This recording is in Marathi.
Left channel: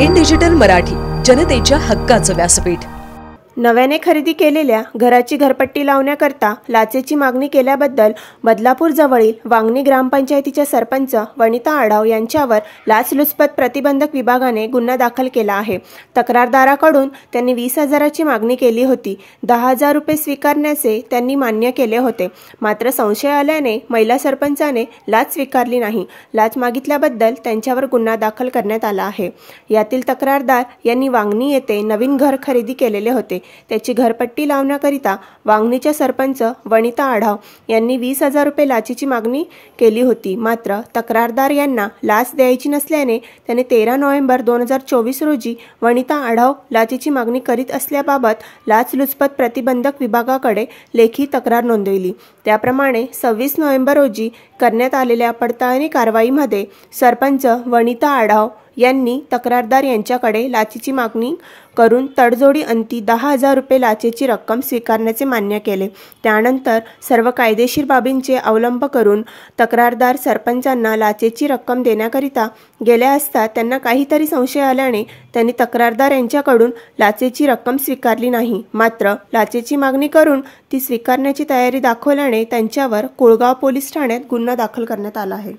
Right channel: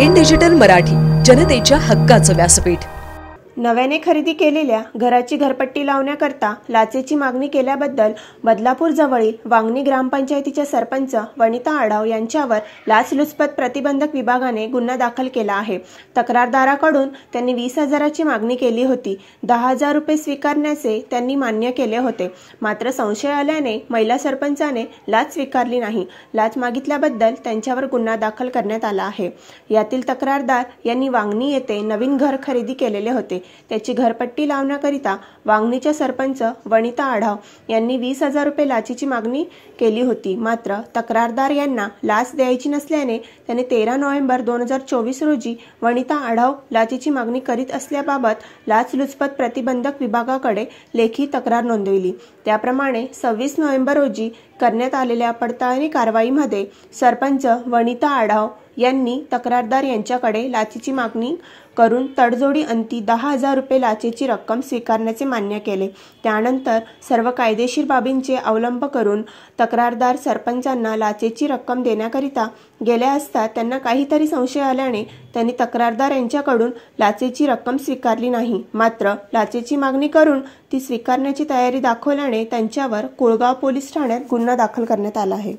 इन डिजिटल मराठी, जनतेच्या हक्काचं व्यासपीठ। नव्याने खरेदी केलेल्या घराची घरपट्टी लावण्याकरता लाचेची मागणी केल्याबद्दल बदलापूर जवळील वांगणी ग्रामपंचायतीच्या सरपंच वनिता आढाव यांच्यावर लाचलुचपत प्रतिबंधक विभागाने गुन्हा दाखल केला आहे। तक्रारदाराकडून त्यांनी 20,000ची मागणी केली होती। 10,000 रुपये स्वीकारण्याचे त्यांनी मान्य केले होते। मात्र संशय आल्याने महिला सरपंचाने लाच स्वीकारली नाही। लाच मागितल्याबद्दल त्यांच्यावर गुन्हा दाखल करण्यात आला आहे। यातील तक्रारदार यांनी वांगणी येथे नवीन घर खरेदी केलेले होते। त्याची घरपट्टी लावण्याकरिता वांगणीच्या सरपंच वनिता आढाव यांनी 20,000 रुपये लाचेची मागणी केली होती। मात्र तक्रारदार यांना लाच द्यायची नसल्याने त्यांनी 13 नोव्हेंबर 2024 रोजी वनिता आढाव लाचेची मागणी करीत असल्याबाबत लाचलुचपत प्रतिबंधक विभागाकडे लेखी तक्रार नोंदवली। त्याप्रमाणे 26 नोव्हेंबर रोजी करण्यात आलेल्या पडताळणी कारवाईमध्ये सरपंच वनिता आढाव यांनी तक्रारदार यांच्याकडे लाचेची मागणी करून तडजोडी अंती 10,000 रुपये लाचेची रक्कम स्वीकारण्याचे मान्य केले। त्यानंतर सर्व कायदेशीर बाबींचे अवलंब करून तक्रारदार सरपंचांना लाचेची रक्कम देण्याकरिता गेले असता त्यांना काहीतरी संशय आल्याने त्यांनी तक्रारदार यांच्याकडून लाचेची रक्कम स्वीकारली नाही। मात्र लाचेची मागणी करून ती स्वीकारण्याची तयारी दाखवल्याने त्यांच्यावर कुळगाव पोलीस ठाण्यात गुन्हा दाखल करण्यात आला आहे।